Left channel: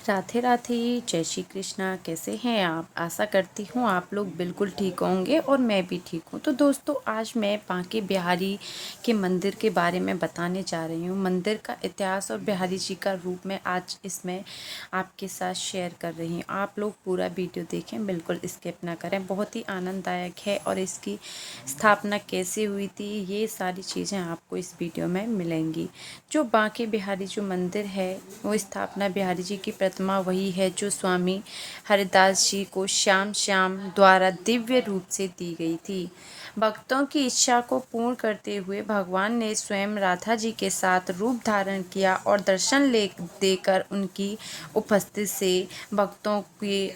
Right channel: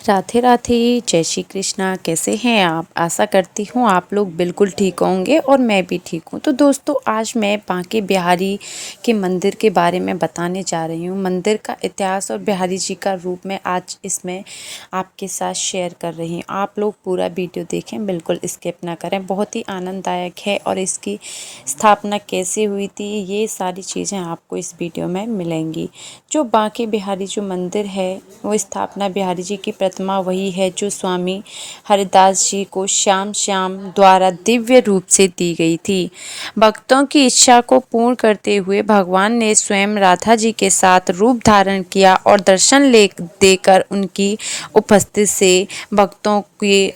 राधे राधे। जय श्री कृष्णा। कैसे हैं आप? आशा करती हूँ आप लोग बिल्कुल ठीक होंगे और मैं भी ठीक हूँ। तो दोस्तों, आज मैं बांके बिहारी के मंदिर के बारे में बताने जा रही हूँ। मंदिर का इतिहास और बिहारी जी का रूप मैं आज इसमें आपके साथ शेयर कर रही हूँ। आप लोग पूरा वीडियो देखें, बिल्कुल स्किप ना करें। बहुत ही आनंददायक है और इसकी स्थापना कैसे हुई थी, ये सारी चीज़ें आपको इस वीडियो में मिलेंगी। जो बांके बिहारी जो मंदिर है, वो स्थापना बिहारी जी की प्रतिमा वही है जो स्वामी हरिदास जी को श्याम श्याम द्वारा दिव्य रूप से दी गई थी। भक्तों की इच्छा को पूर्ण करते हुए भगवान ने स्वयं राधा जी के साथ रूप धारण किया और दर्शन ले देकर उनकी उपस्थिति से भक्तों के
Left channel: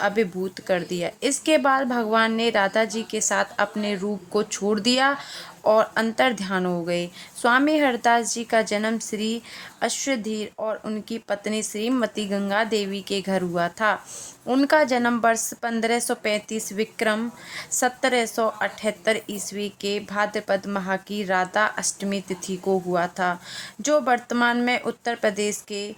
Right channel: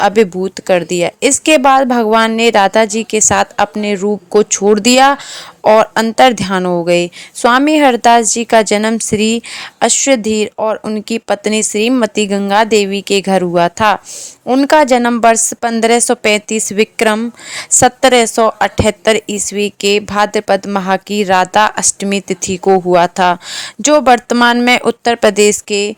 अभिभूत कर दिया। इसके बाद भगवान ने राधा जी के साथ अपने रूप को छोड़ दिया और अंतर ध्यान हो गए। स्वामी हरदास जी का जन्म श्री अश्वधीर और उनकी पत्नी श्रीमती गंगा देवी के घर हुआ था। उनका जन्म वर्ष 1535 विक्रम 1778 ईस्वी के भाद्रपद माह की राधा अष्टमी तिथि को हुआ था, जो वर्तमान में उत्तर प्रदेश के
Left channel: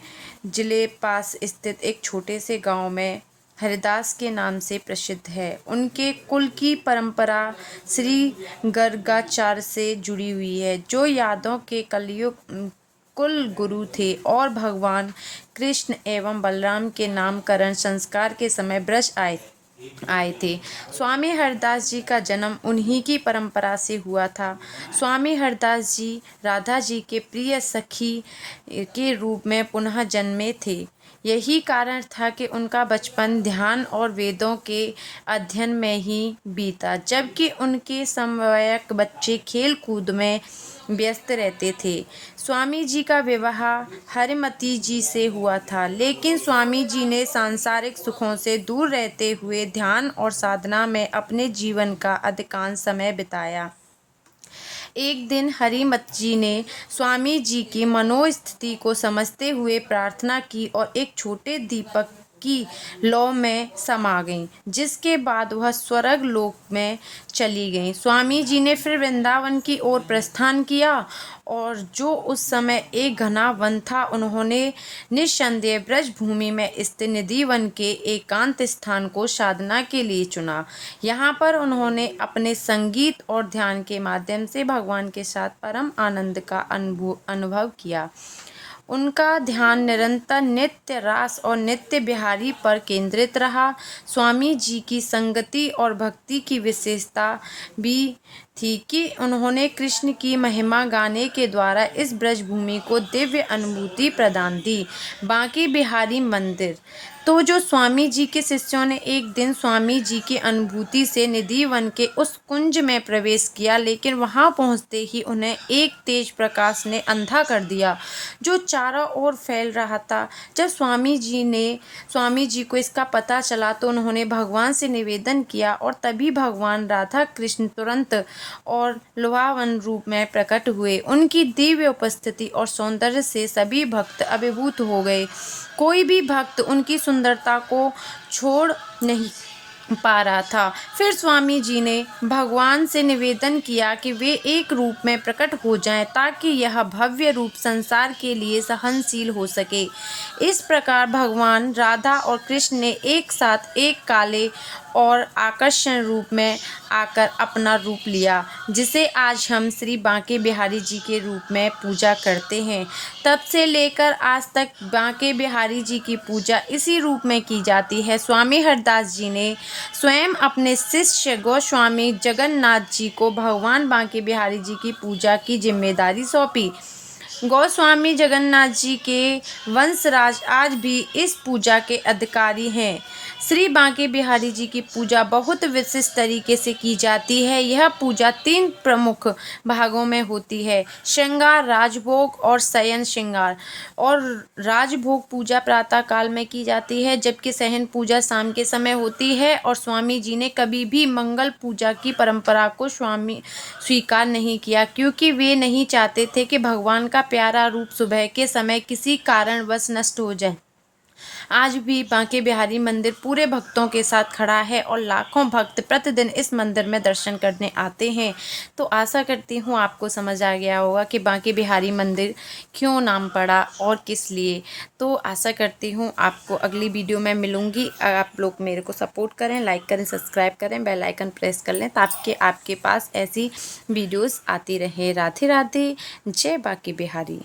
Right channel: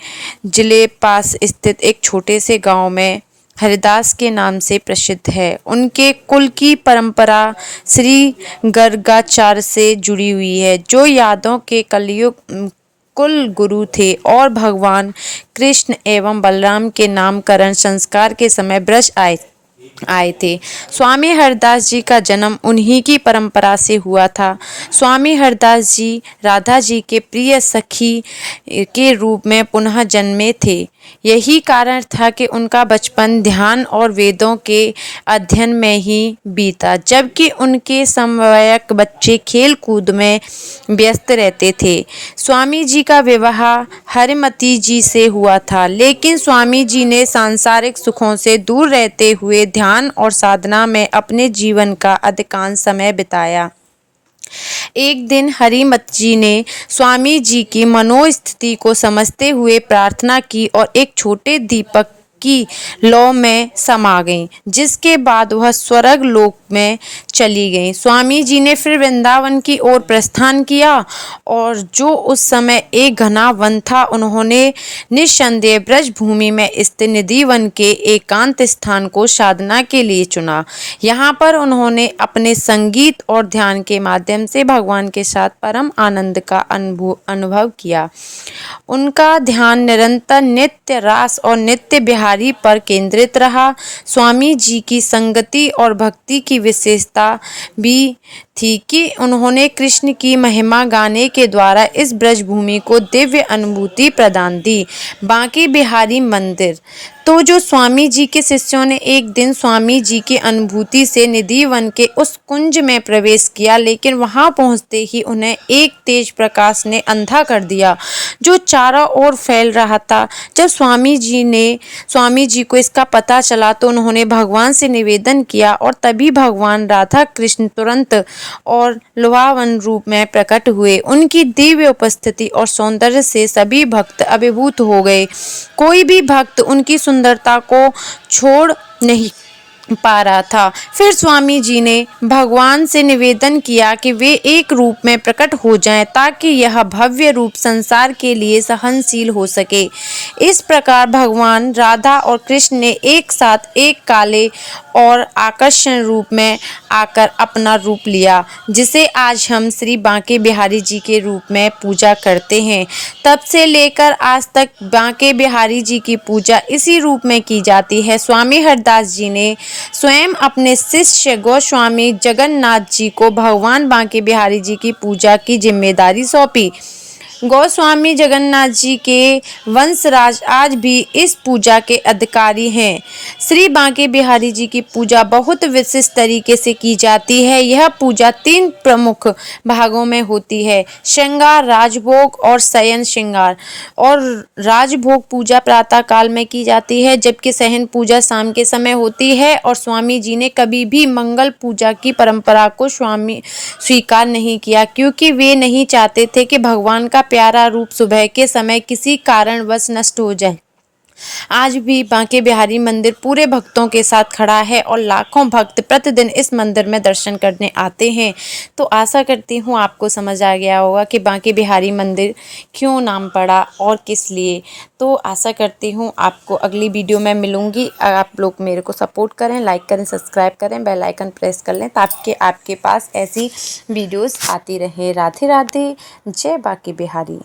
जिले पास स्थित एक छोटे से गांव में हरिदास के नाम से प्रसिद्ध है। उनके कुल की परंपरा श्री गर्गाचार्य से जुड़ी हुई है, जो यादव के कलयुग कुल गुरु थे और भगवान कृष्ण एवं बलराम के नामकरण संस्कार के समय ब्रज आए थे। स्वामी हरदास जी का जन्म उन्हीं की परंपरा से हुआ था। स्वामी हरदास जी राधा जी के प्रिय सखी के रूप में पुनः जन्मे थे। यही कारण था कि उनका बचपन ध्यान और वेदों के अध्ययन में ही बीता, जबकि उनके समवयस्क बच्चे खेल कूद में व्यस्त रहते थे। स्वामी जी का विवाह हरिमती जी से हुआ था, लेकिन स्वामी जी ने सांसारिक सुखों से दूर रहते हुए ध्यान और साधना में अपने जीवन का अधिकांश समय बिताया। एक दिन हरिमत जी ने स्वामी जी की मनोस्थिति को समझते हुए प्रार्थना की और एक छोटे दीपक की लौ में समा गईं, जिसके बाद वह स्वर्ग लोक में चली गईं। स्वामी जी ने फिर वृंदावन की ओर प्रस्थान किया और जो उस समय एक घना वन था, उन्होंने निस्संदेह ब्रज भूमि में स्थित निधि वन के एकांत स्थान को साधना के लिए चुना। यहाँ पर उन्होंने अपने संगीत और ध्यान के माध्यम से भगवान के साथ परम आनंद का अनुभव किया। उनका ध्यान निरंतर नित्य रास और नित्य बिहारी पर केंद्रित रहा। स्वामी जी की संगति और भक्ति की विशेषता भी थी कि उन्होंने कृष्ण की महिमा गाने के द्वारा इस ब्रजभूमि को दिव्य अनुभूति प्रदान दी। बांके बिहारी मंदिर। तो जो स्वामी जी के शिष्यों ने एक दिन स्वामी जी की अनुभूति से निधि वन के उस कुंज में प्रवेश किया, लेकिन वहां पहुंचते ही उन्हें एक तेज प्रकाश ने अंधा कर दिया, जो चारों ओर फैल रहा था। जब स्वामी जी को इसका पता चला तो उन्होंने भगवान से निवेदन किया और तभी भगवान राधा कृष्ण तुरंत और लुभावन रूप में प्रकट हुए। उनकी दिव्य उपस्थिति और सौंदर्य से सभी भक्त अभिभूत हो गए। कोई भी भक्त उनकी सुंदरता को छोड़ नहीं पा रहा था। फिर स्वामी जी ने भगवान से निवेदन किया कि वे एक रूप में प्रकट हो जाएं, ताकि यह भव्य रूप संसार के लिए सहनशील हो सके। इस प्रकार भगवान राधा और कृष्ण ने एक साथ एक काले और आकर्षण रूप में आकर अपना रूप लिया, जिसे आज हम श्री बांके बिहारी जी के रूप में पूजा करते हैं। तब से लेकर आज तक बांके बिहारी जी की पूजा इसी रूप में की जाती है। स्वामी हरदास जी ने स्वयं अपने शिष्य गोस्वामी जगन्नाथ जी को भगवान बांके बिहारी जी की पूजा की जिम्मेदारी सौंपी। गोस्वामी जगन्नाथ जी के वंशराज आज भी इस पूजा के अधिकारी हैं। श्री बांके बिहारी जी की पूजा बहुत विशिष्ट तरीके से की जाती है। यह पूजा 3 प्रमुख भागों में होती है: श्रृंगार, राजभोग और शयन श्रृंगार। और राजभोग पूजा प्रातः काल में की जाती है, जबकि शयन पूजा शाम के समय होती है। और स्वामी जी ने कभी भी मंगल पूजा की परंपरा को स्वीकार नहीं किया, क्योंकि वे नहीं चाहते थे कि भगवान का प्यारा रूप सुबह के समय किसी कारणवश नष्ट हो जाए। आज भी बांके बिहारी मंदिर पूरे भक्तों के साथ खड़ा है और लाखों भक्त प्रतिदिन इस मंदिर में दर्शन करने आते हैं। तो आशा करती हूँ आपको समझ आ गया होगा कि बांके बिहारी मंदिर क्यों नाम पड़ा और किस लिए। तो आशा करती हूँ आपको अगली वीडियो में मिलूँगी। आप लोग मेरे को सपोर्ट करें, लाइक करें, सब्सक्राइब करें, बेल आइकन प्रेस कर लें ताकि आपके पास ऐसी वीडियोस आती रहें। राधे राधे, जय बांके बिहारी।